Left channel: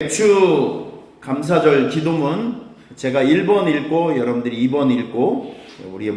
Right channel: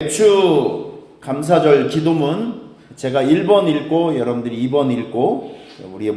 맥주 감사절 기도문 제가 1번 읽고 여러분들이 2번 읽고 우리의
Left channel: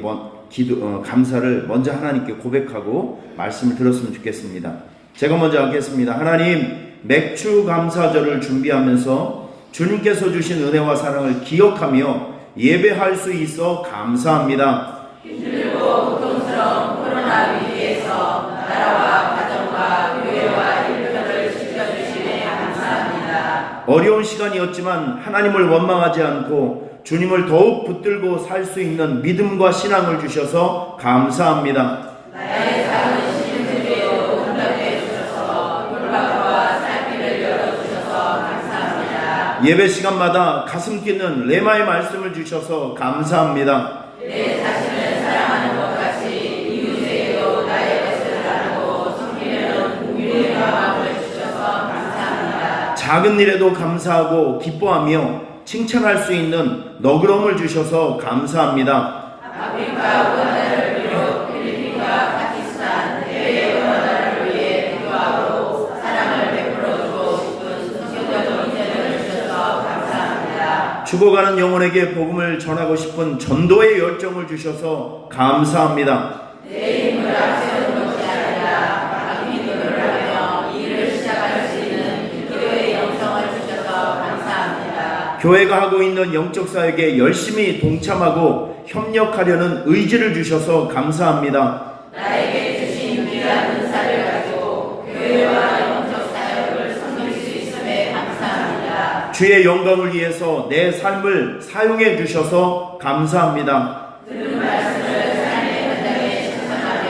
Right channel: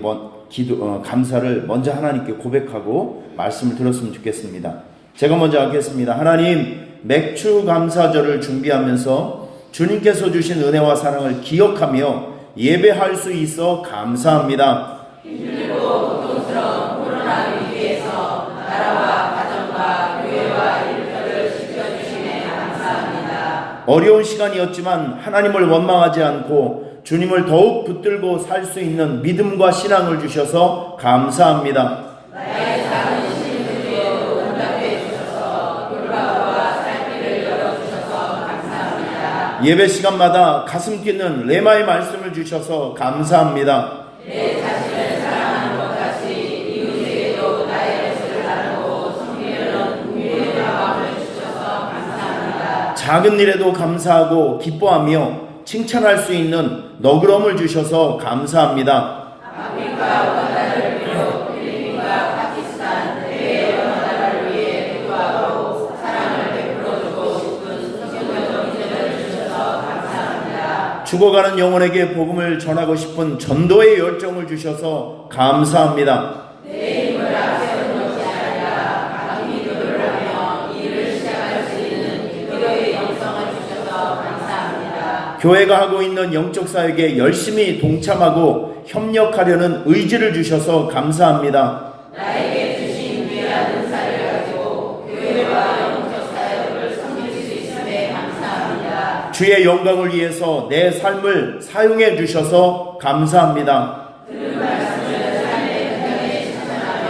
감사를 먼저 하나님께 고백하고 말씀을 들었으면 좋겠습니다. 제가 먼저 하겠습니다. 하나님, 맥주 감사절을 준비하면서 주님께서 주신 은혜와 사랑을 기억하며 예배할 수 있어 감사합니다. 힘들고 고통스러운 코로나 위기에서 나라와 가정과 교회와 일터를 지켜주시네 감사합니다. 어려운 시간이었지만 하나님을 원망하지 않고 주님을 더욱 붙들고 살 수 있는 믿음과 신앙을 주셔서 감사합니다. 나의 작은 신들에도 응답해 주셔서 돌아와 살길을 열어주셔서 감사합니다. 예배 시간마다 가슴 뛰는 레마의 말씀을 주셔서 감사합니다. 내 자신을 사랑하는 것 같이 이웃에게도 나의 것을 나누고 섬기는 위로의 마음을 주셔서 감사합니다. 작은 일에도 감사하고 기뻐하며 칭찬할 수 있는 너그러움을 주셔서 감사합니다. 아프리카 우간다를 비롯 필리핀과 파키스탄, 해외 우간다를 위해 기도하고 사랑을 베풀어주고 싶은 성경적 인연을 주셔서 감사합니다. 죽어가는 영혼에게 복음을 전하고 싶은 전도의 열정을 주셔서 감사합니다. 내 힘을 앞세우는 것이 아니라 감히 기도를 하며 일을 시작할 수 있는 기도의 영성을 주셔서 감사합니다. 교회가 하고 있는 영적 사역에 열심히 동참하고 협력하려는 의지를 주셔서 감사합니다. 나에게 주신 귀한 은사를 가지고 교회와 영적 사역을 섬길 수 있음에 감사합니다. 주의 영광을 위해서 내 삶을 사용해 주셔서 감사합니다. 들은 말씀을 삶의 현장에 실천하며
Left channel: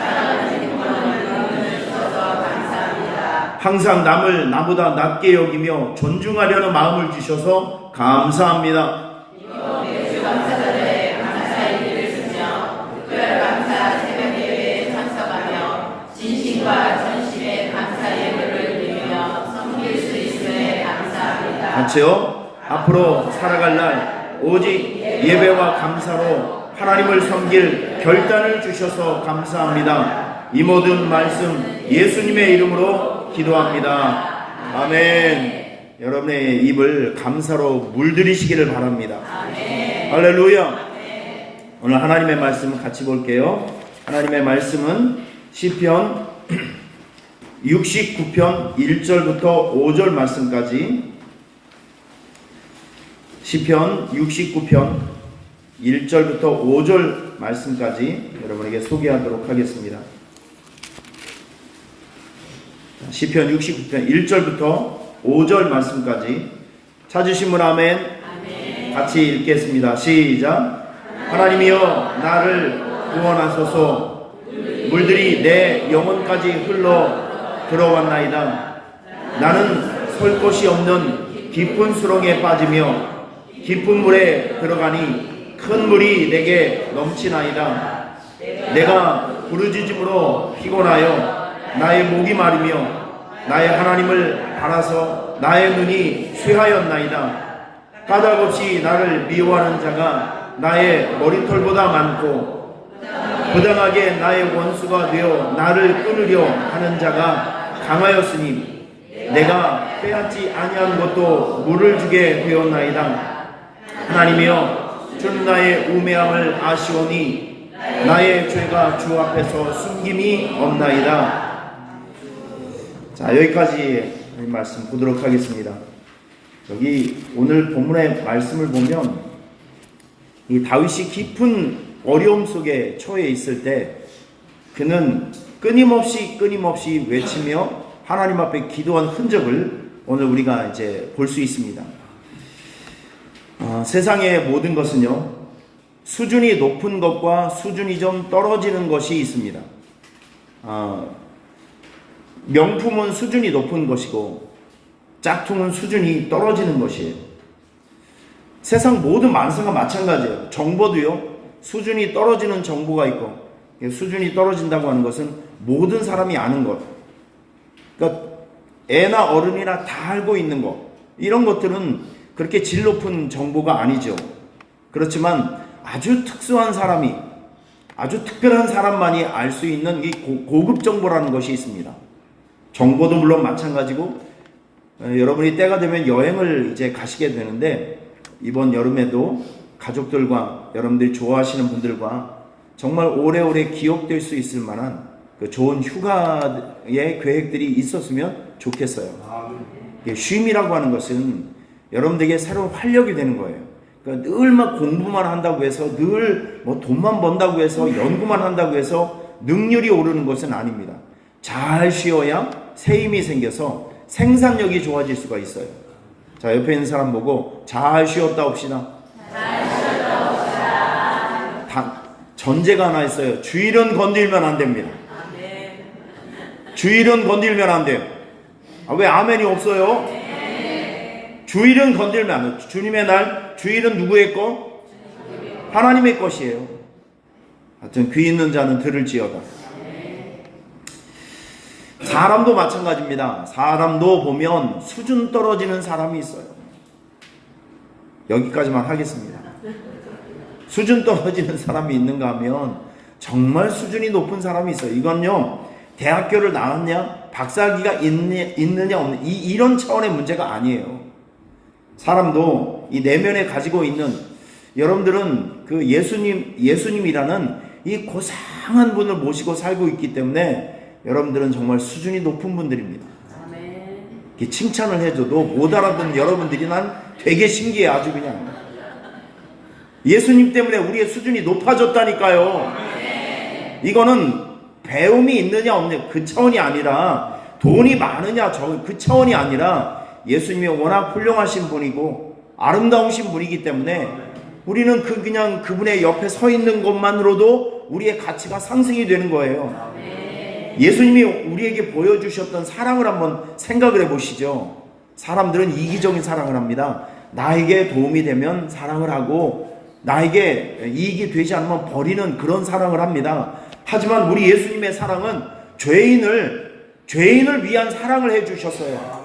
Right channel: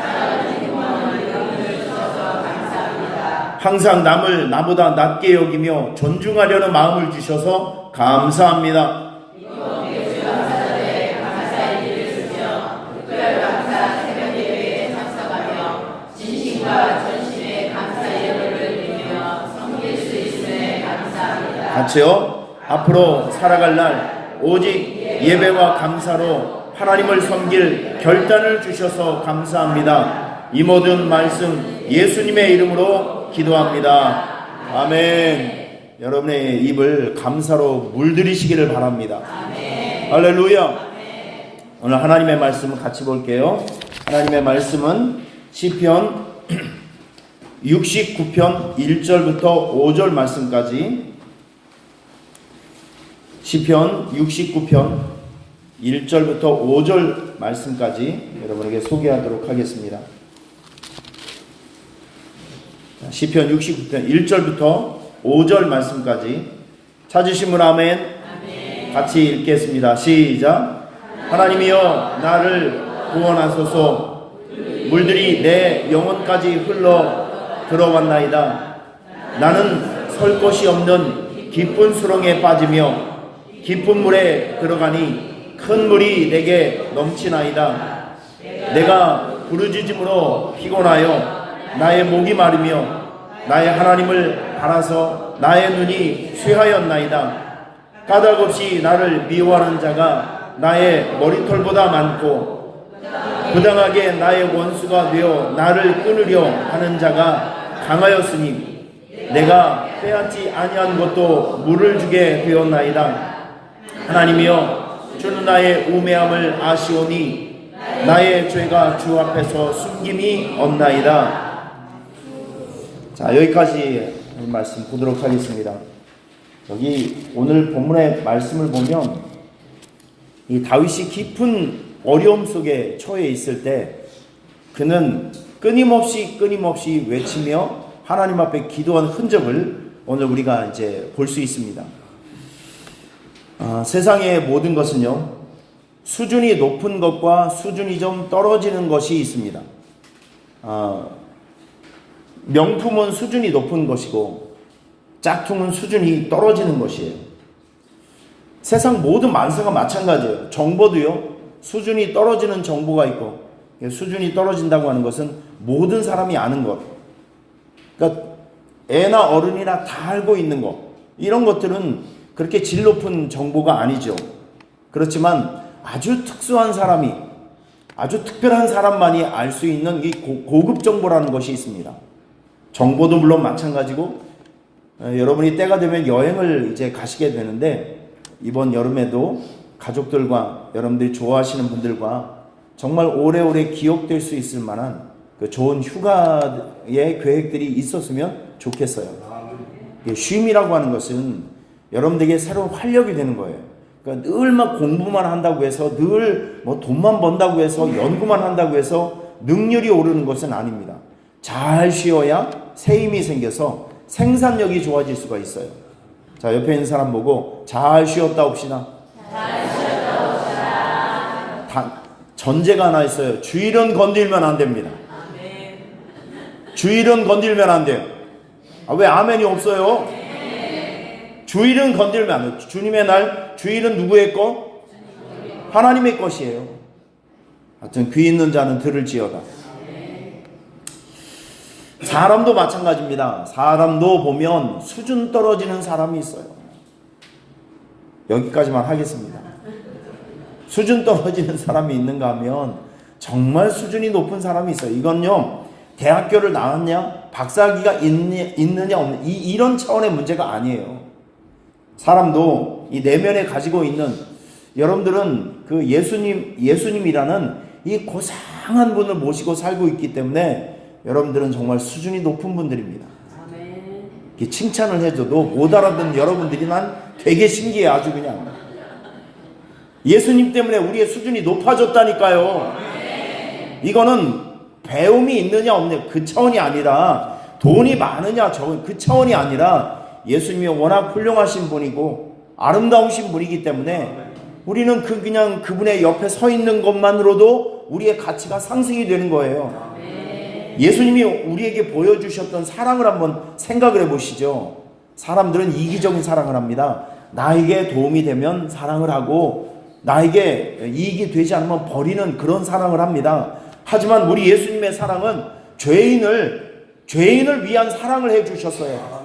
살아가는 행복한 은혜를 주셔서 감사합니다. 항상 남을 나보다 낮게 여기며 존중하려는 마음을 주셔서 감사합니다. 이번 맥주 감사절에 감사의 길을 쓰며 특별 감사 새벽 예배에 참석하며 진심과 전심의 감사 예물을 드리며 섬길 수 있음에 감사합니다. 같이요. 앞으로 살아갈 날 오직 예배와 감사로 하나님을 섬길 결단을 주셔서 감사합니다. 이 모든 말씀 예수님의 이름으로 기도합니다. 아멘. 여러분의 입을 감사로 물들이시기를 바랍니다. 아멘. 할렐루야. 아멘. 오늘 하나님의 말씀을 같이 볼게요. 하나님의 말씀은 시편 69편 1절부터 5절 말씀까지, 시편 69편 1절부터 5절 말씀까지 여러분에게 소개하도록 하겠습니다. 시편 69편 1절부터 5절 말씀까지 찾으신 분 아멘. 아멘. 같이 읽겠습니다. 시작. 하나님이여 나를 구원하소서. 물들이 내 영혼까지 흘러 들어왔나이다. 나는 설 곳이 없는 깊은 수렁에 빠지며 깊은 물에 들어가니 큰 물이 내게 넘치나이다. 내가 부르짖음으로 피곤하여 나의 목이 마르며 나의 하나님을 바라서 나의 눈이 쇠하였나이다. 까닭없이 나를 미워하는 자가 나의 머리털보다 많고 부당하게 나의 원수가 되어 나를 끊으려 하는 자가 강하였으니 내가 빼앗지 아니한 것도 물을 주게 되었나이다. 하나님이여 주는 나의 우매함을 아시오니 나의 죄가 주 앞에서 숨김이 없나이다. 자, 여기까지 말씀 보도록 하겠습니다. 여기 오늘 본문의 말씀을 보면 이 다윗이 깊은 어려움 속에 처해 있을 때 그는 끊임없이 외치며 하나님 앞에 기도한 흔적을 오늘 우리가 이제 볼 수 있습니다. 세상의 모든 것은요, 수준이 높은 것과 수준이 좀 떨어지는 것이 있습니다. 명품은 수준이 높은 것이고 짝퉁은 수준이 떨어지는 것이에요. 세상 모든 만사가 마찬가지예요. 정보도요, 수준이 떨어지는 정보가 있고, 수준이 떨어진다고 하는 것은 모든 사람이 아는 것, 그러니까 애나 어른이나 다 알고 있는 것, 이런 것들은 그렇게 질 높은 정보가 아니죠. 그렇지만 아주 특수한 사람이, 아주 특별한 사람만이 알 수 있는 이 고급 정보라는 것이 있습니다. 정보도 물론 마찬가지고 여러분이 때가 되면 여행을 이제 가시게 되는데, 이번 여름에도 가족들과 여러분들이 좋아하시는 분들과 정말 오래오래 기억될 수 있을 만한 그 좋은 휴가의 계획들이 있었으면 좋겠어요. 쉼이라고 하는 것은 여러분들에게 새로운 활력이 되는 거예요. 그러니까 늘 막 공부만 한다고 해서, 늘 뭐 돈만 번다고 해서, 연구만 한다고 해서 능률이 오르는 것은 아닙니다. 잘 쉬어야 새 힘이 생겨서 생산력이 좋아질 수가 있어요. 자, 옆에 있는 사람 보고 잘 쉬었다 옵시다. 전제가 하나 있어요. 주일은 건들면 안 됩니다. 주일은 건들면 안 돼요. 왜 아멘이 없어요? 주일은 건들면 안 돼요. 주님의 날, 주일은 누구의 것? 하나님의 것이에요. 하여튼 귀 있는 자는 들을지어다. 사람도 마찬가지입니다. 사람도 보면 수준 떨어지는 사람이 있어요. 여기까지만 하겠습니다. 수준 떨어지는 사람이 있는가 하면 정말 수준이 높은 사람이 있어요. 이건요, 대학교를 나왔냐, 박사학위가 있느냐 없느냐, 이런 차원의 문제가 아니에요. 사람도 이 내면에 가지고 있는, 여러분들은 그 예수님이라는 이 고상한 분을 모시고 살고 있기 때문에 여러분들은 정말 수준이 높은 분들입니다. 아멘. 칭찬을 해줘도 못 알아듣는 여러분들이 난 되게 신기해. 아주 그냥 예수님 때문에 우리의 수준이 높아졌다니까요. 이거는 배움이 있느냐 없느냐 그 차원이 아니라, 돈이 많으냐 적은 그 차원이 아니라, 예수님이 워낙 훌륭하신 분이고 아름다우신 분이기 때문에 우리는 그냥 그분의 옆에 서 있는 것만으로도 우리의 가치가 상승이 되는 거예요. 예수님이 우리에게 보여주셨던 사랑을 한번 생각을 해보시죠. 사람들은 이기적인 사랑을 합니다. 나에게 도움이 되면 사랑을 하고, 나에게 이익이 되지 않으면 버리는 그런 사랑을 합니다. 하지만 우리 예수님의 사랑은 죄인을 위한 사랑을 해주셨어요.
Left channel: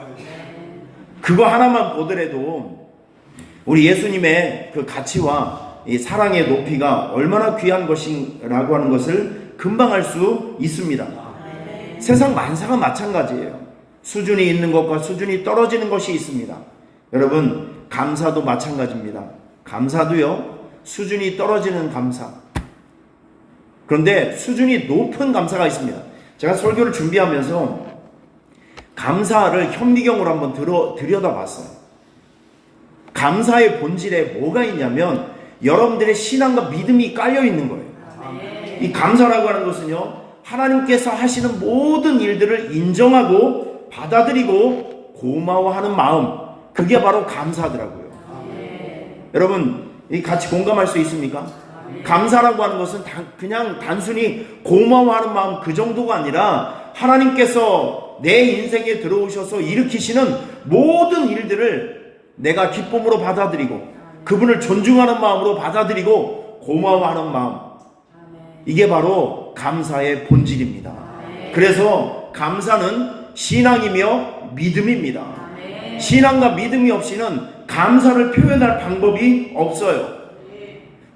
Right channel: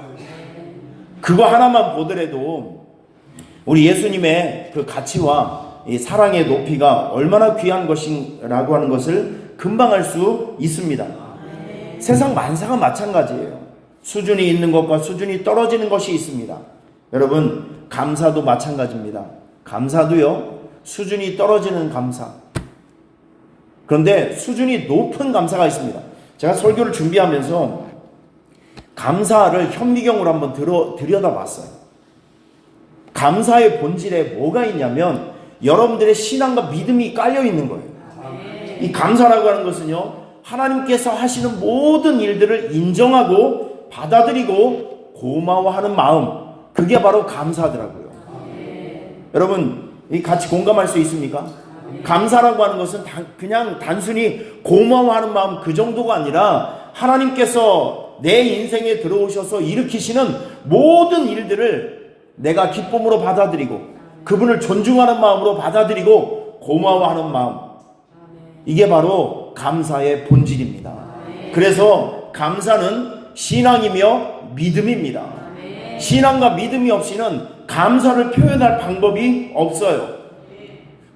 그거 하나만 보더라도 우리 예수님의 그 가치와 이 사랑의 높이가 얼마나 귀한 것이라고 하는 것을 금방 알 수 있습니다. 세상 만사가 마찬가지예요. 수준이 있는 것과 수준이 떨어지는 것이 있습니다. 여러분, 감사도 마찬가지입니다. 감사도요, 수준이 떨어지는 감사, 그런데 수준이 높은 감사가 있습니다. 제가 설교를 준비하면서 감사를 현미경으로 한번 들여다봤어요. 감사의 본질에 뭐가 있냐면 여러분들의 신앙과 믿음이 깔려 있는 거예요. 이 감사라고 하는 것은요, 하나님께서 하시는 모든 일들을 인정하고 받아들이고 고마워하는 마음, 그게 바로 감사더라고요. 여러분, 같이 공감할 수 있습니까? 감사라고 하는 것은 그냥 단순히 고마워하는 마음 그 정도가 아니라, 하나님께서 내 인생에 들어오셔서 일으키시는 모든 일들을 내가 기쁨으로 받아들이고, 그분을 존중하는 마음으로 받아들이고 고마워하는 마음, 이게 바로 감사의 본질입니다. 그래서 감사는 신앙이며 믿음입니다. 신앙과 믿음이 없이는 감사를 표현할 방법이 없어요.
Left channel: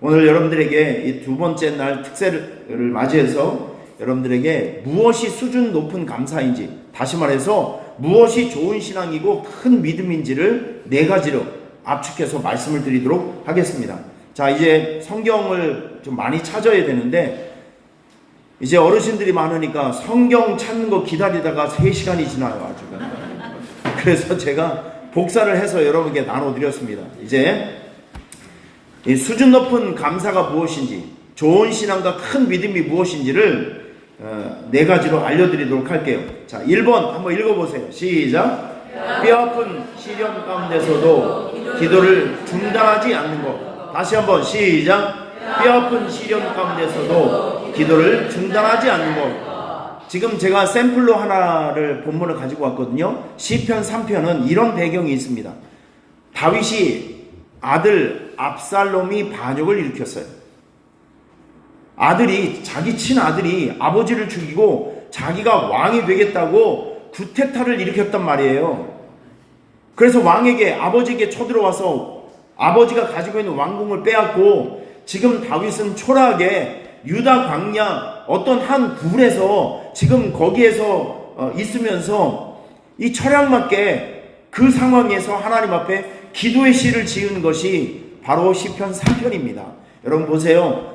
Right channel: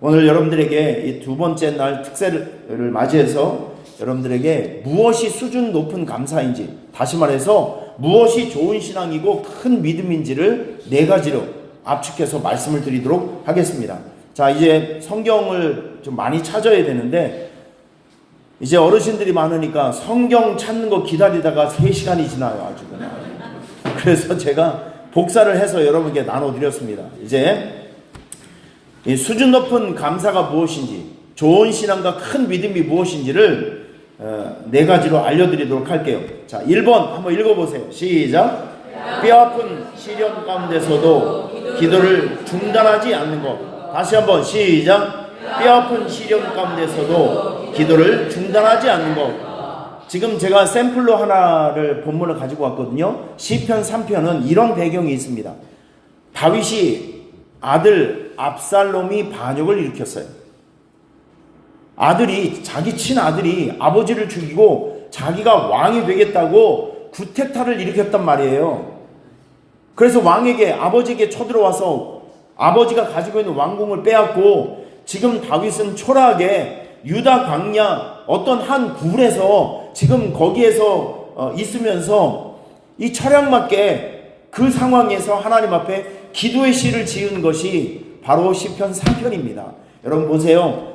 오늘 여러분들에게 이 두 번째 날 특세를 맞이해서 여러분들에게 무엇이 수준 높은 감사인지, 다시 말해서 무엇이 좋은 신앙이고 큰 믿음인지를 네 가지로 압축해서 말씀을 드리도록 하겠습니다. 자, 이제 성경을 좀 많이 찾아야 되는데, 이제 어르신들이 많으니까 성경 찾는 거 기다리다가 3시간이 지나요. 아주 그냥. 그래서 제가 복사를 해서 여러분께 나눠드렸습니다. 이제 이 수준 높은 감사가 무엇인지, 좋은 신앙과 큰 믿음이 무엇인지를 네 가지로 알려드리도록 할게요. 자, 1번 한번 읽어보세요. 시작. 뼈아픈 시련 가운데서도 기도를 중단하지 않는 것. 다시 한번 시작. 뼈아픈 시련 가운데서도 기도를 중단하지 않는 것. 지금 제가 샘플로 하나를 본문을 가지고 왔거든요. 시편 3편은 이런 배경이 있습니다. 다윗이 아들 압살롬이 반역을 일으켰어요. 자기 친아들이 아버지를 죽이고 자기가 왕이 되겠다고 구테타를 일으켰단 말이에요. 그래서 왕에게, 아버지에게 쳐들어와서 아버지가 가지고 있는 왕궁을 빼앗고, 지금 다윗은 초라하게 유다 광야 어떤 한 굴에서 지금 거기에서 있으면서 이 철양맞게 그 상황에서 하나님 앞에 기도의 시를 지은 것이 바로 시편 3편입니다. 여러분 보세요.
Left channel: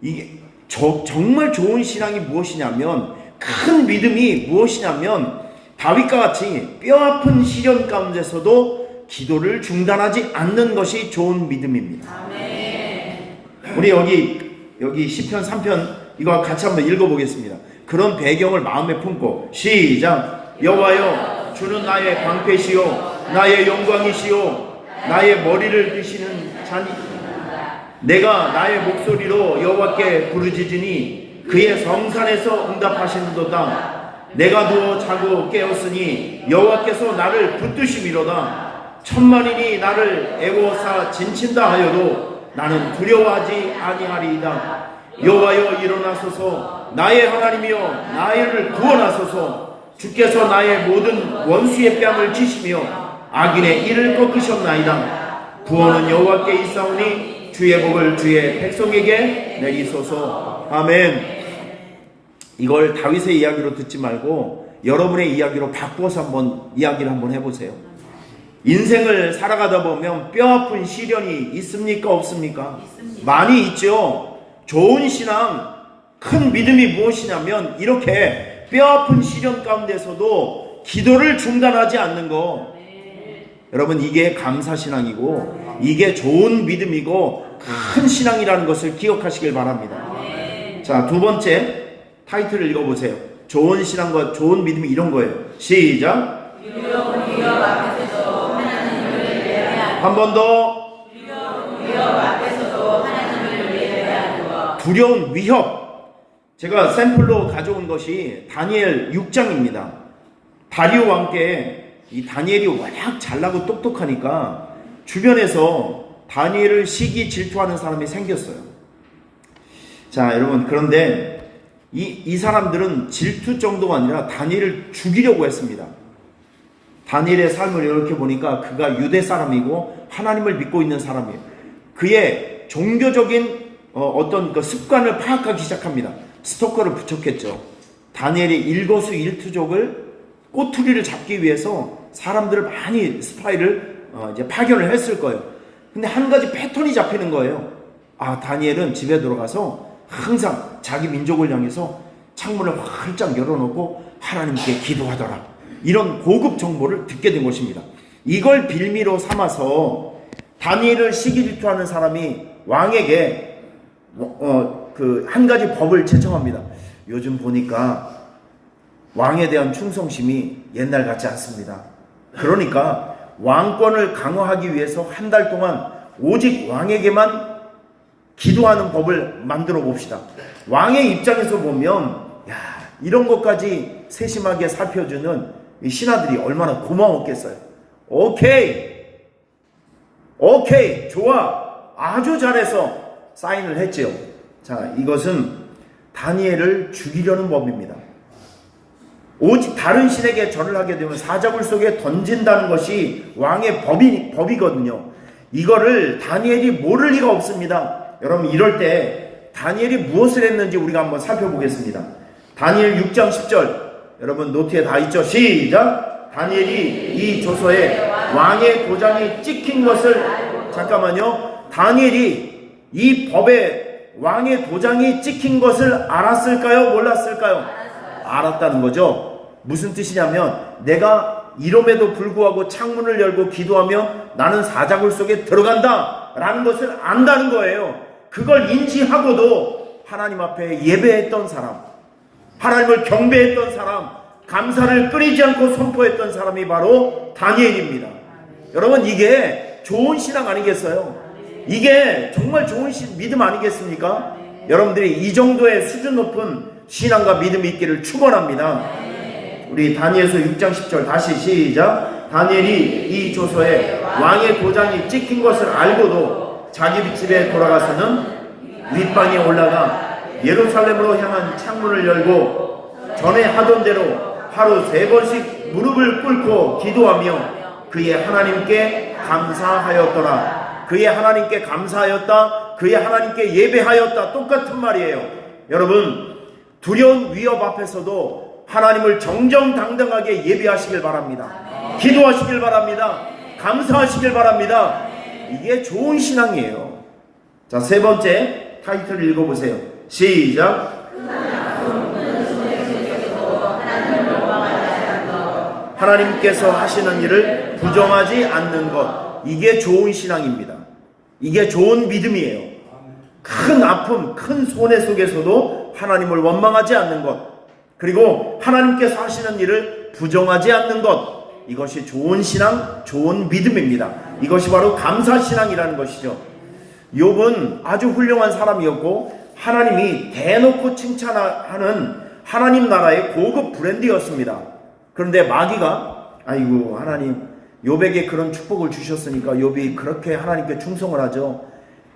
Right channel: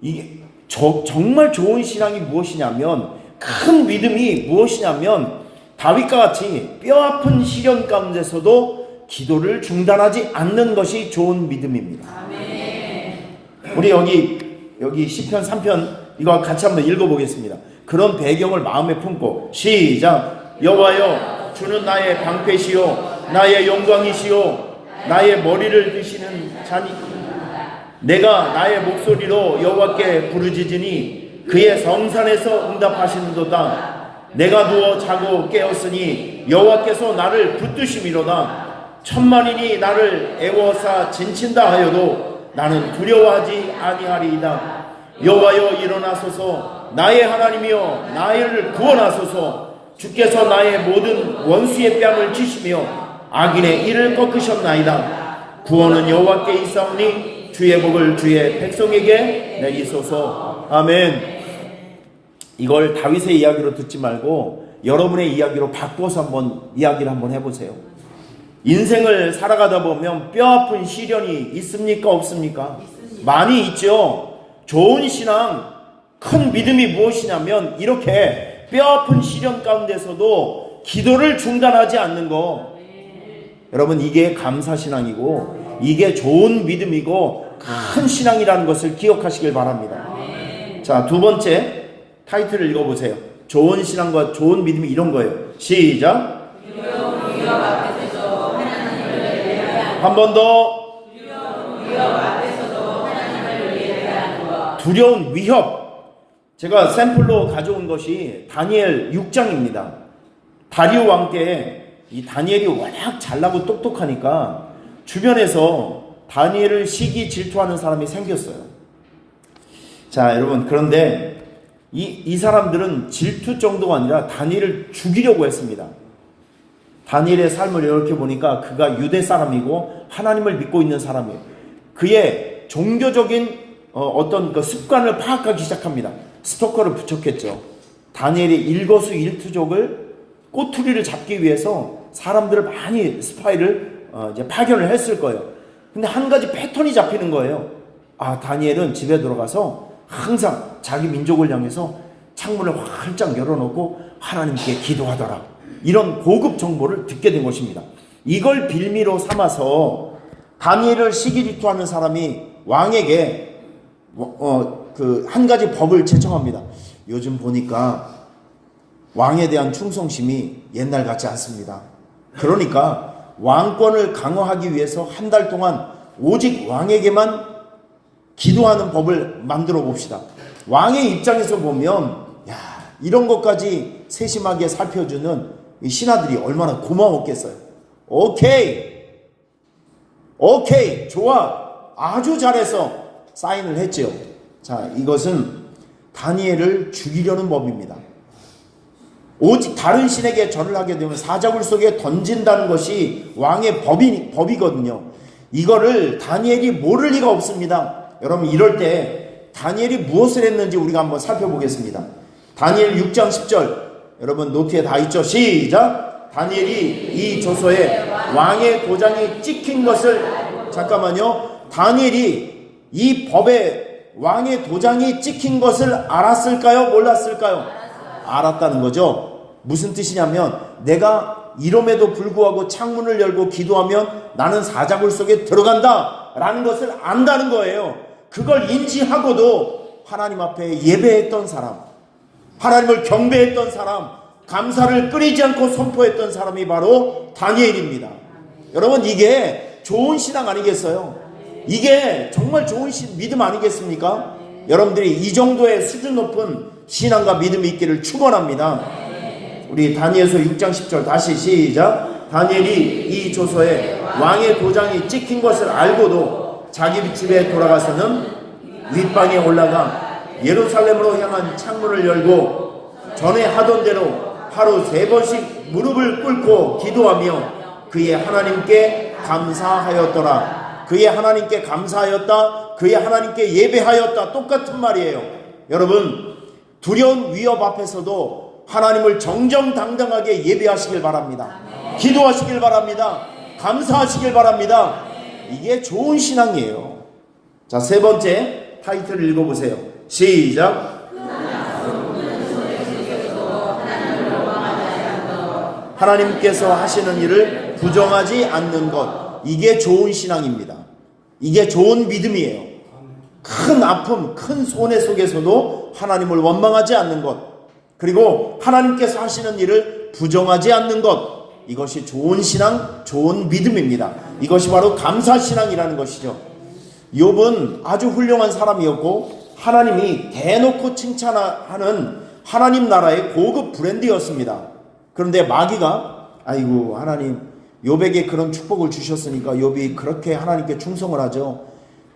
이게 정말 좋은 신앙이 무엇이냐면, 큰 믿음이 무엇이냐면, 다윗과 같이 뼈아픈 시련 가운데서도 기도를 중단하지 않는 것이 좋은 믿음입니다. 우리 여기 시편 3편 이거 같이 한번 읽어보겠습니다. 그런 배경을 마음에 품고 시작. 여호와여, 주는 나의 방패시요 나의 영광이시요 나의 머리를 드시는 자니, 내가 나의 목소리로 여호와께 부르짖으니 그의 성산에서 응답하시는도다. 내가 누워 자고 깨었으니 여호와께서 나를 붙드심이로다. 천만인이 나를 애워싸 진친다 하여도 나는 두려워하지 아니하리이다. 여호와여, 일어나소서. 나의 하나님이여, 나를 구원하소서. 주께서 나의 모든 원수의 뺨을 치시며 악인의 이를 꺾으셨나이다. 구원은 여호와께 있사오니 주의 복을 주의 백성에게 내리소서. 아멘. 이걸 다윗의 이야기로 듣지 말고 여러분의 이야기로 바꿔서 이야기를 한번 해보세요. 인생을 살아가다 보면 뼈아픈 시련이 있습니까? 없습니까? 있습니다. 많이 있죠. 좋은 신앙, 큰 믿음이 무엇이냐면 이렇게 뼈아픈 시련 가운데서도 기도를 중단하지 않는 거. 여러분, 이게 감사신앙이고 이게 좋은 믿음이고 큰 신앙이라는 것을 기억하시길 바랍니다. 자, 두 번째 타이틀을 읽어보세요. 좋은 신앙과 좋은 믿음이 이런 거예요. 시작. 한 번 더. 두려운 위협. 제가 샘플로 가져온 것이 다니엘 6장입니다. 다리오 왕께 이 다니엘이 워낙 잘나고 똑똑하니까 주변에서 다니엘을 시기 질투하는 사람이 생겼어요. 자, 여러분, 그런데 이 사람들은 질투 정도가 아니라 다니엘을 죽이려고 했습니다. 다니엘의 삶을 이렇게 보니까 그가 유대 사람이고 하나님을 믿고 있는 사람이에요. 그의 종교적인 어떤 그 습관을 파악하기 시작합니다. 스토커를 붙였겠죠. 다니엘의 일거수일투족을 꼬투리를 잡기 위해서 사람들을 많이 스파이를 이제 파견을 했을 거예요. 근데 한 가지 패턴이 잡히는 거예요. 아, 다니엘은 집에 들어가서 항상 자기 민족을 향해서 창문을 활짝 열어놓고 하나님께 기도하더라. 이런 고급 정보를 듣게 된 것입니다. 이걸 빌미로 삼아서 다니엘을 시기질투하는 사람이 왕에게 그 한 가지 법을 제청합니다. 요즘 보니까 왕에 대한 충성심이 옛날 같지 않습니다. 그러니까 왕권을 강화하기 위해서 한 달 동안 오직 왕에게만 기도하는 법을 만들어 봅시다. 왕의 입장에서 보면 이런 것까지 세심하게 살펴주는 이 신하들이 얼마나 고마웠겠어요. 오케이, 좋아, 아주 잘해서 사인을 했지요. 자, 이것은 다니엘을 죽이려는 법입니다. 오직 다른 신에게 절을 하게 되면 사자굴 속에 던진다는 것이 왕의 법이거든요. 이거를 다니엘이 모를 리가 없습니다. 여러분, 이럴 때 다니엘이 무엇을 했는지 우리가 한번 살펴보겠습니다. 다니엘 6장 10절, 여러분 노트에 다 있죠? 시작. 다니엘이 이 조서에 왕의 도장이 찍힌 것을, 잠깐만요, 다니엘이 이 법에 왕의 도장이 찍힌 것을 알았을까요? 몰랐을까요? 알았다는 거죠. 무슨 뜻이냐면 내가 이름에도 불구하고 창문을 열고 기도하면 나는 사자굴 속에 들어간다 라는 것을 안다는 거예요. 그걸 인지하고도 하나님 앞에 예배했던 사람, 하나님을 경배했던 사람, 감사를 끊이지 않고 선포했던 사람이 바로 다니엘입니다. 여러분, 이게 좋은 신앙 아니겠어요? 이게 정말 좋은 믿음 아니겠습니까? 여러분들이 이 정도의 수준 높은 신앙과 믿음이 있기를 축원합니다. 우리 다니엘서 6장 10절 다시 시작. 다니엘이 이 조서에 왕의 도장이 찍힌 것을 알고도 자기 집에 돌아가서는 윗방에 올라가 예루살렘으로 향한 창문을 열고 전에 하던 대로 하루 3번씩 무릎을 꿇고 기도하며 그의 하나님께 감사하였더라. 그의 하나님께 감사하였다, 그의 하나님께 예배하였다, 똑같은 말이에요. 여러분, 두려운 위협 앞에서도 하나님을 정정당당하게 예배하시길 바랍니다. 기도하시길 바랍니다. 감사하시길 바랍니다. 이게 좋은 신앙이에요. 자, 세 번째 타이틀을 읽어보세요. 시작. 하나님께서 하시는 일을 부정하지 않는 것. 이게 좋은 신앙입니다. 이게 좋은 믿음이에요. 큰 아픔, 큰 손해 속에서도 하나님을 원망하지 않는 것, 그리고 하나님께서 하시는 일을 부정하지 않는 것, 이것이 좋은 신앙, 좋은 믿음입니다. 이것이 바로 감사신앙이라는 것이죠. 욥은 아주 훌륭한 사람이었고 하나님이 대놓고 칭찬하는 하나님 나라의 고급 브랜드였습니다. 그런데 마귀가 아이고 하나님 욥에게 그런 축복을 주셨으니까 욥이 그렇게 하나님께 충성을 하죠.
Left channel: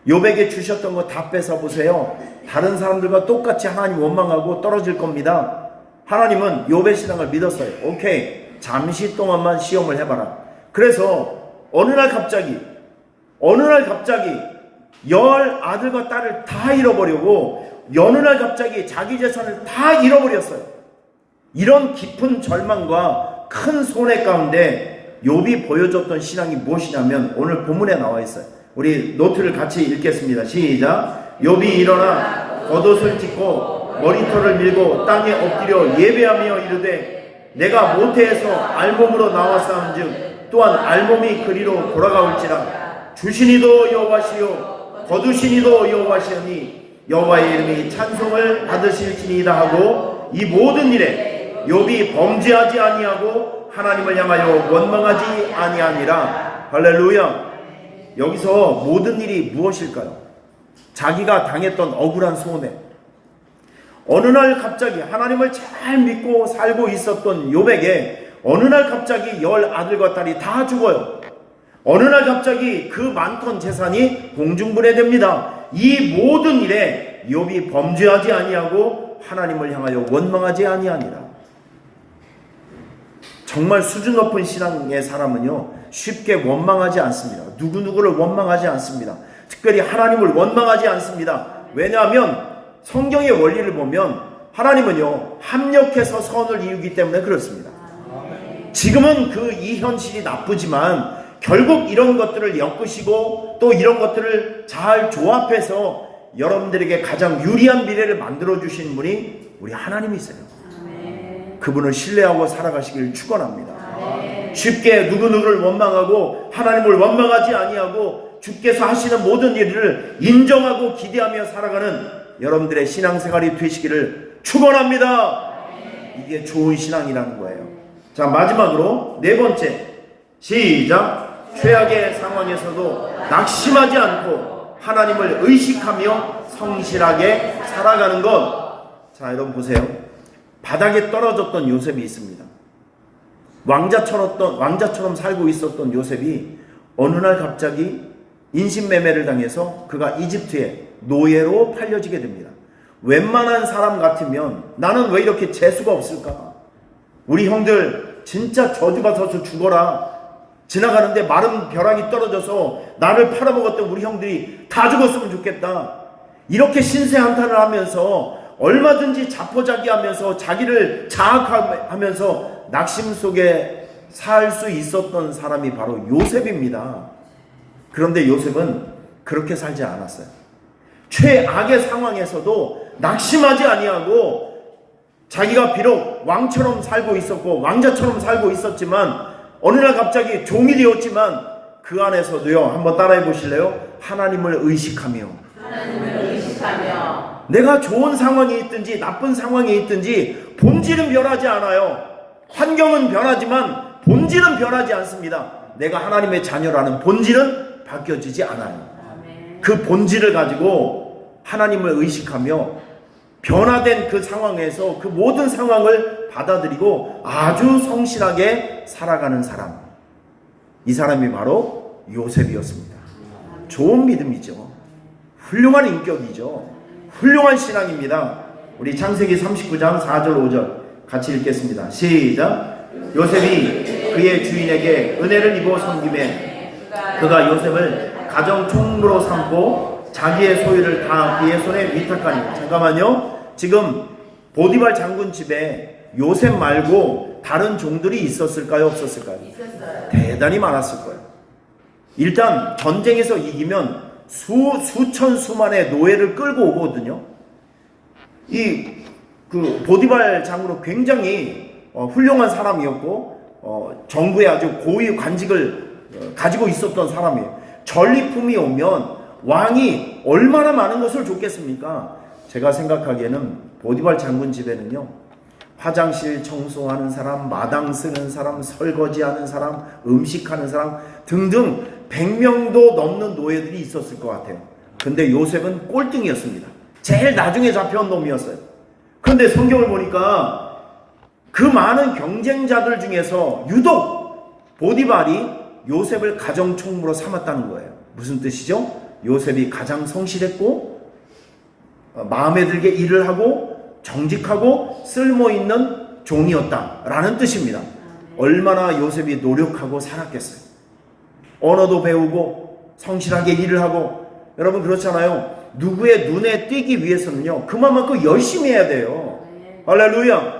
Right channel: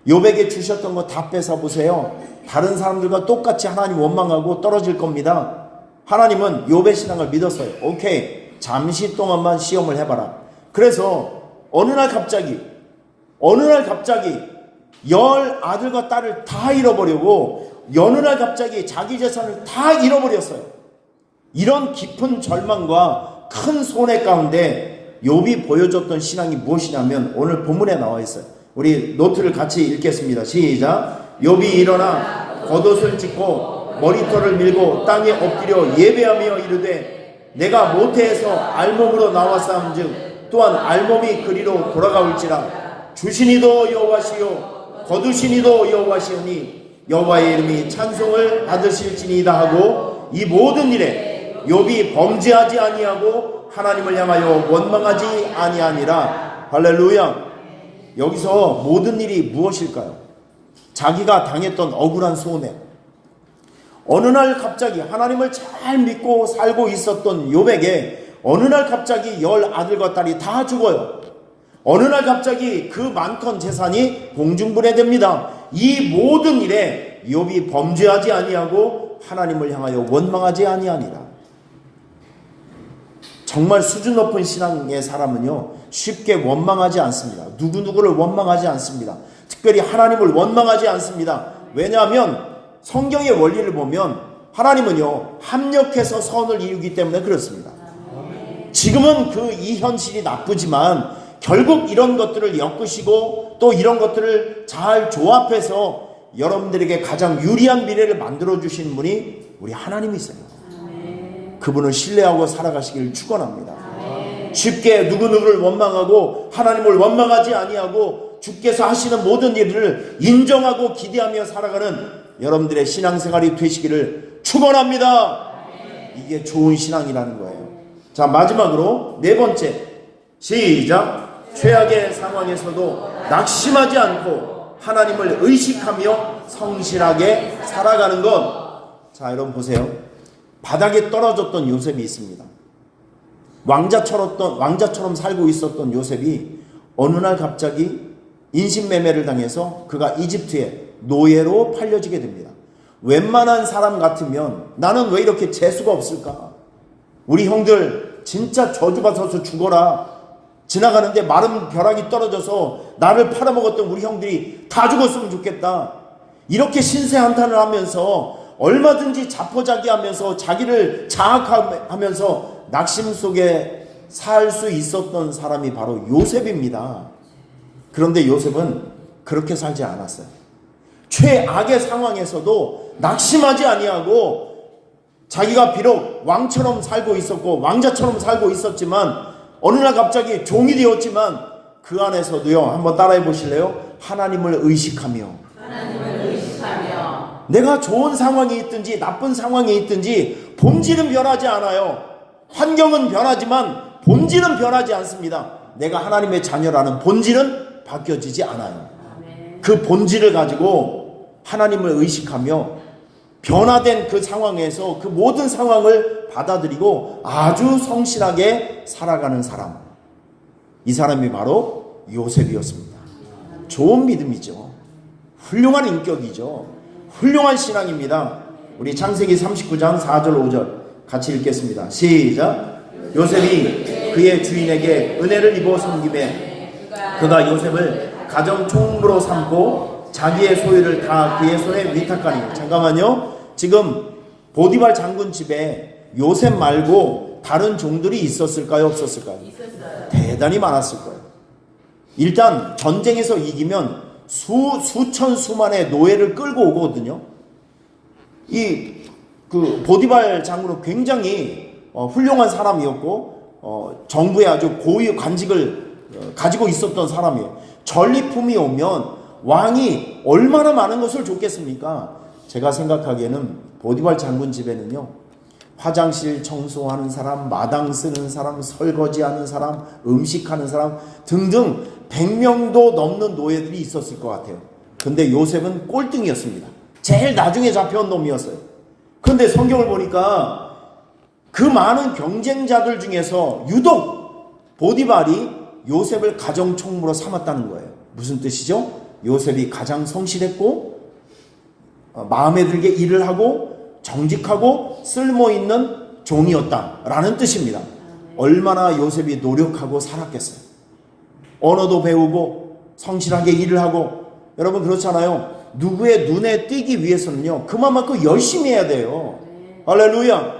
욥에게 주셨던 거 다 뺏어보세요. 다른 사람들과 똑같이 하나님 원망하고 떨어질 겁니다. 하나님은 욥의 신앙을 믿었어요. 오케이, 잠시 동안만 시험을 해봐라. 그래서 어느 날 갑자기 10 아들과 딸을 다 잃어버리고 어느 날 갑자기 자기 재산을 다 잃어버렸어요. 이런 깊은 절망과 큰 손해 가운데 욥이 보여줬던 신앙이 무엇이냐면 오늘 본문에 나와 있어요. 우리 노트를 같이 읽겠습니다. 시작. 욥이 일어나 겉옷을 찢고 머리털을 밀고 땅에 엎드려 예배하며 이르되 내가 모태에서 알몸으로 나왔사온즉 또한 알몸이 그리로 돌아가올지라 주시니도 여호와시요 거두시니도 여호와시오니 여호와의 이름이 찬송을 받으실지니이다 하고 이 모든 일에 욥이 범죄하지 아니하고 하나님을 향하여 원망하지 아니하니라. 할렐루야. 여기서 모든 일이 무엇일까요? 자기가 당했던 억울한 손해. 어느 날 갑자기 하나님을 잘 믿고 살고 있었던 욥에게 어느 날 갑자기 10 아들과 딸이 다 죽어요. 어느 날 갑자기 그 많던 재산이 공중분해됩니다. 이 모든 일에 욥이 범죄하지 아니하고 하나님을 향하여 원망하지 아니하니라. 정말 수준 높은 신앙의 사람은요 쉽게 원망하지 않습니다. 누구누구를 원망하지 않습니다. 특별히 하나님을 원망하지 않습니다. 왜냐하면 성경의 원리를 보면 하나님은요 합력해서 선을 이루기 때문에 그렇습니다. 지금은 이 현실이 나쁘지만 결국 이런 것들을 엮으시고 또 이런 것들을 잘 조합해서 여러분들에게 가장 유리한 미래를 만들어 주신 분이 우리 하나님이세요. 그분을 신뢰하고 살아가시길 축원합니다. 쉽게 누구누구를 원망하고 하나님을 원망하지 아니하고 주께서 하시는 모든 일을 인정하고 기대하며 살아가는 여러분들의 신앙생활이 되시기를 축원합니다. 이게 좋은 신앙이라는 거예요. 자, 마지막으로 네 번째, 시작. 최악의 상황에서도 낙심하지 않고 하나님을 의식하며 성실하게 살아가는 것. 자, 여러분 보세요. 바닥에 떨어졌던 요셉이 있습니다. 왕자처럼 살고 있었던 요셉이 어느 날 갑자기 인신매매를 당해서 그가 이집트에 노예로 팔려지게 됩니다. 웬만한 사람 같으면 나는 왜 이렇게 재수가 없을까? 우리 형들 진짜 저주받아서 죽어라. 지나가는데 마른 벼락이 떨어져서 나를 팔아먹었던 우리 형들이 다 죽었으면 좋겠다. 이렇게 신세한탄을 하면서 얼마든지 자포자기하면서 자기를 자학하면서 낙심 속에 살 수 있었던 사람이 바로 요셉입니다. 그런데 요셉은 그렇게 살지 않았어요. 최악의 상황에서도 낙심하지 아니하고 자기가 비록 왕처럼 살고 있었고 왕자처럼 살고 있었지만 어느 날 갑자기 종이 되었지만 그 안에서도요, 한번 따라해 보실래요? 하나님을 의식하며 내가 좋은 상황이 있든지 나쁜 상황이 있든지 본질은 변하지 않아요. 환경은 변하지만 본질은 변하지 않습니다. 내가 하나님의 자녀라는 본질은 바뀌어지지 않아요. 그 본질을 가지고 하나님을 의식하며 변화된 그 상황에서 그 모든 상황을 받아들이고 아주 성실하게 살아가는 사람, 이 사람이 바로 요셉이었습니다. 좋은 믿음이죠. 훌륭한 인격이죠. 훌륭한 신앙입니다. 우리 창세기 39장 4절 5절 같이 읽겠습니다. 시작. 요셉이 그의 주인에게 은혜를 입어 섬김에 그가 요셉을 가정 총무로 삼고 자기의 소유를 다 그의 손에 위탁하니. 잠깐만요. 지금 보디발 장군 집에 요셉 말고 다른 종들이 있었을까요? 없었을까요? 대단히 많았을 거예요. 일단 전쟁에서 이기면 수천 수만의 노예를 끌고 오거든요. 그 보디발 장으로 굉장히 훌륭한 사람이었고 정부에 아주 고위 관직을 가지고 있었던 사람이에요. 전리품이 오면 왕이 얼마나 많은 것을 줬겠습니까? 제가 생각하기에는 보디발 장군 집에는요, 화장실 청소하는 사람, 마당 쓰는 사람, 설거지하는 사람, 음식하는 사람 등등 100명도 넘는 노예들이 있었을 것 같아요. 근데 요셉은 꼴등이었습니다. 제일 나중에 잡혀온 놈이었어요. 그런데 성경을 보니까 그 많은 경쟁자들 중에서 유독 보디발이 요셉을 가정총무로 삼았다는 거예요. 무슨 뜻이죠? 요셉이 가장 성실했고 마음에 들게 일을 하고 정직하고 쓸모있는 종이었다라는 뜻입니다. 얼마나 요셉이 노력하고 살았겠어요. 언어도 배우고 성실하게 일을 하고, 여러분 그렇잖아요. 누구의 눈에 띄기 위해서는요, 그만큼 열심히 해야 돼요. 할렐루야.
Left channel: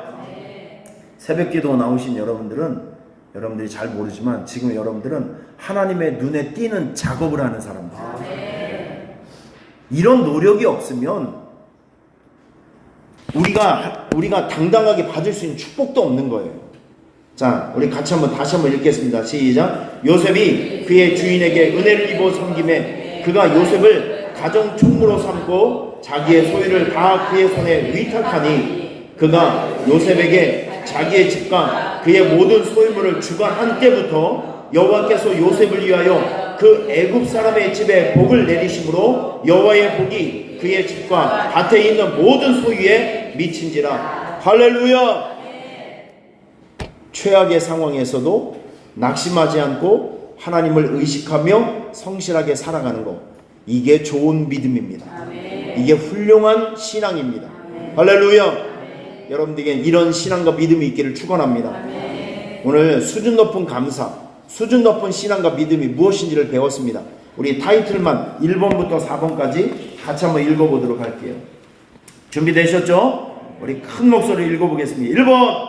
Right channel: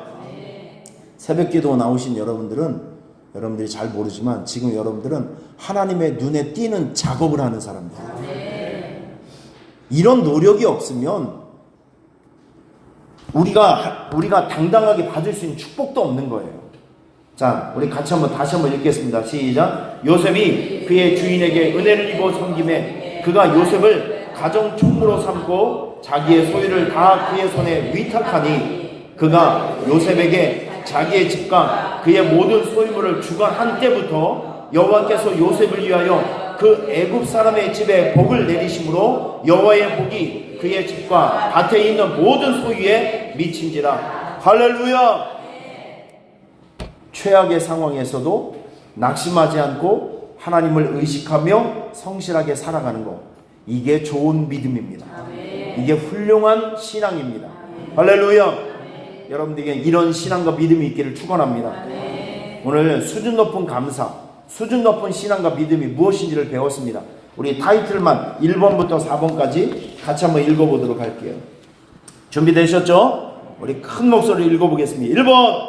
새벽기도 나오신 여러분들이 잘 모르지만 지금 여러분들은 하나님의 눈에 띄는 작업을 하는 사람들이에요. 이런 노력이 없으면 우리가 당당하게 받을 수 있는 축복도 없는 거예요. 자, 우리 다시 한번 읽겠습니다. 시작. 요셉이 그의 주인에게 은혜를 입어 섬김에 그가 요셉을 가정 총무로 삼고 자기의 소유를 다 그의 손에 위탁하니 그가 요셉에게 자기의 집과 그의 모든 소유물을 주관한 때부터 여호와께서 요셉을 위하여 그 애굽 사람의 집에 복을 내리심으로 여호와의 복이 그의 집과 밭에 있는 모든 소유에 미친지라. 할렐루야. 최악의 상황에서도 낙심하지 않고 하나님을 의식하며 성실하게 살아가는 것, 이게 좋은 믿음입니다. 이게 훌륭한 신앙입니다. 할렐루야. 여러분들에게 이런 신앙과 믿음이 있기를 축원합니다. 오늘 수준 높은 감사, 수준 높은 신앙과 믿음이 무엇인지를 배웠습니다. 우리 타이틀만 1번부터 4번까지 같이 한번 읽어보도록 할게요. 준비되셨죠? 우리 큰 목소리로 읽어보겠습니다. 1번,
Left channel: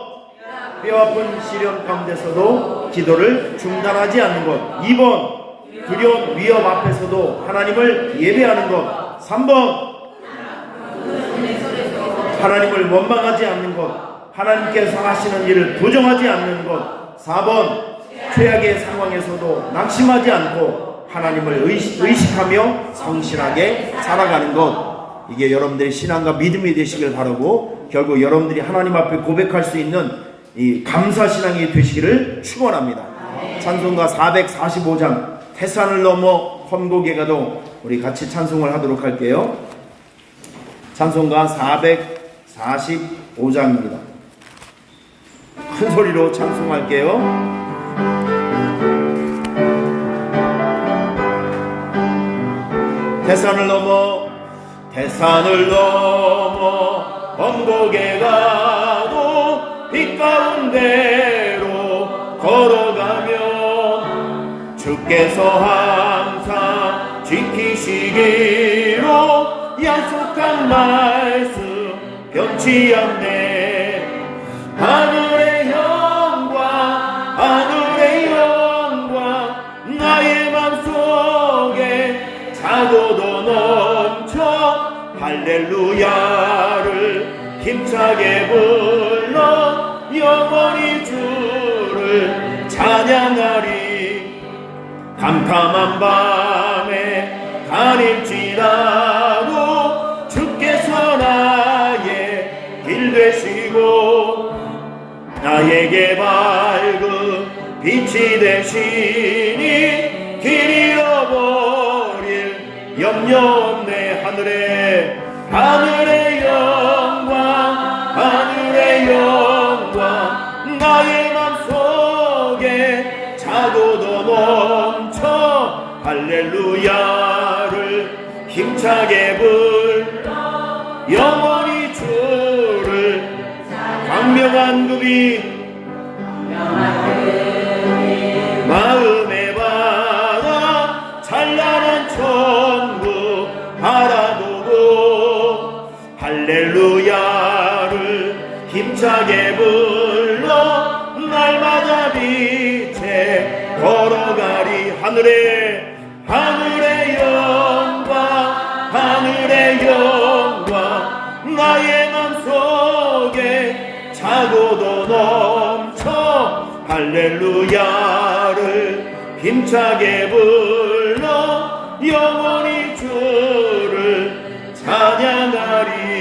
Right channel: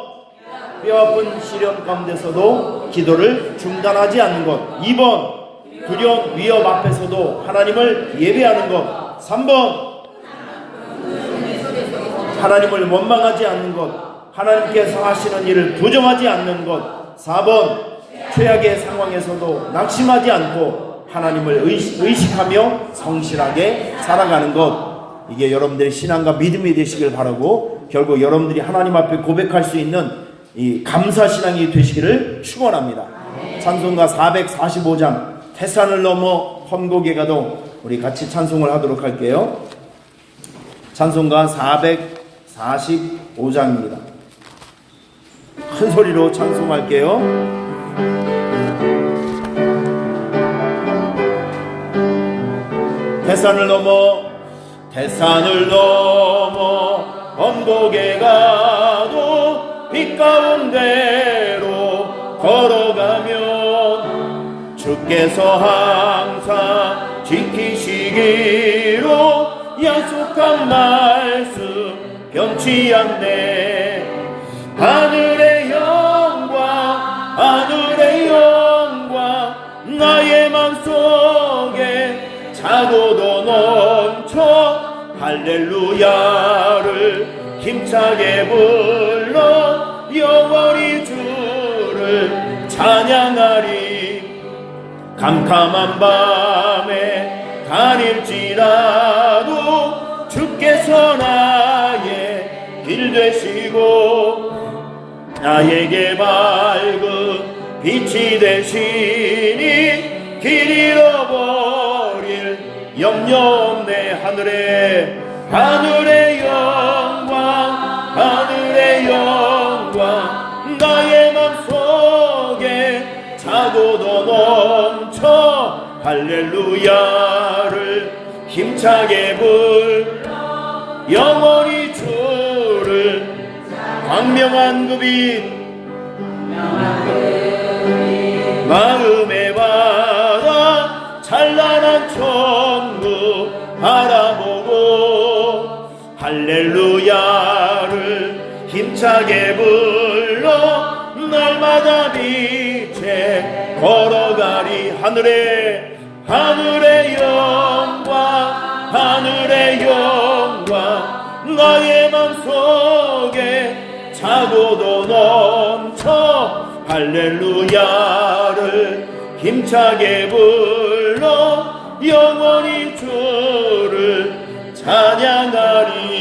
뼈아픈 시련 가운데서도 기도를 중단하지 않는 것. 2번, 두려운 위협 앞에서도 하나님을 예배하는 것. 3번, 하나님을 원망하지 않는 것. 하나님께서 하시는 일을 부정하지 않는 것. 4번, 최악의 상황에서도 낙심하지 않고 하나님을 의식하며 성실하게 살아가는 것. 이게 여러분들의 신앙과 믿음이 되시길 바라고, 결국 여러분들이 하나님 앞에 고백할 수 있는 이 감사 신앙이 되시기를 축원합니다. 찬송가 445장 태산을 넘어 험곡에 가도 우리 같이 찬송을 하도록 할게요. 찬송가 445장입니다. 큰 소리로 찬송할게요. 태산을 넘어 험곡에 가도 빛 가운데로 걸어가면 주께서 항상 지키시기로 약속한 말씀 변치 않네. 하늘의 영광 나의 맘속에 차고도 넘쳐 할렐루야를 힘차게 불러 영원히 주를 찬양하리. 캄캄한 밤에 다닐지라도 주께서 나의 길 되시고 나에게 밝은 빛이 되시니 길 잃어버릴 염려 없네. 하늘의 영광 나의 맘속에 차고도 넘쳐 할렐루야를 힘차게 불러 영원히 주를 광명한 구비 마음에 받아 찬란한 천국 바라보고 할렐루야를 힘차게 불러 하늘의 영광, 하늘의 영광, 나의 맘속에 차고도 넘쳐 할렐루야를 힘차게 불러 영원히 주를 찬양하리.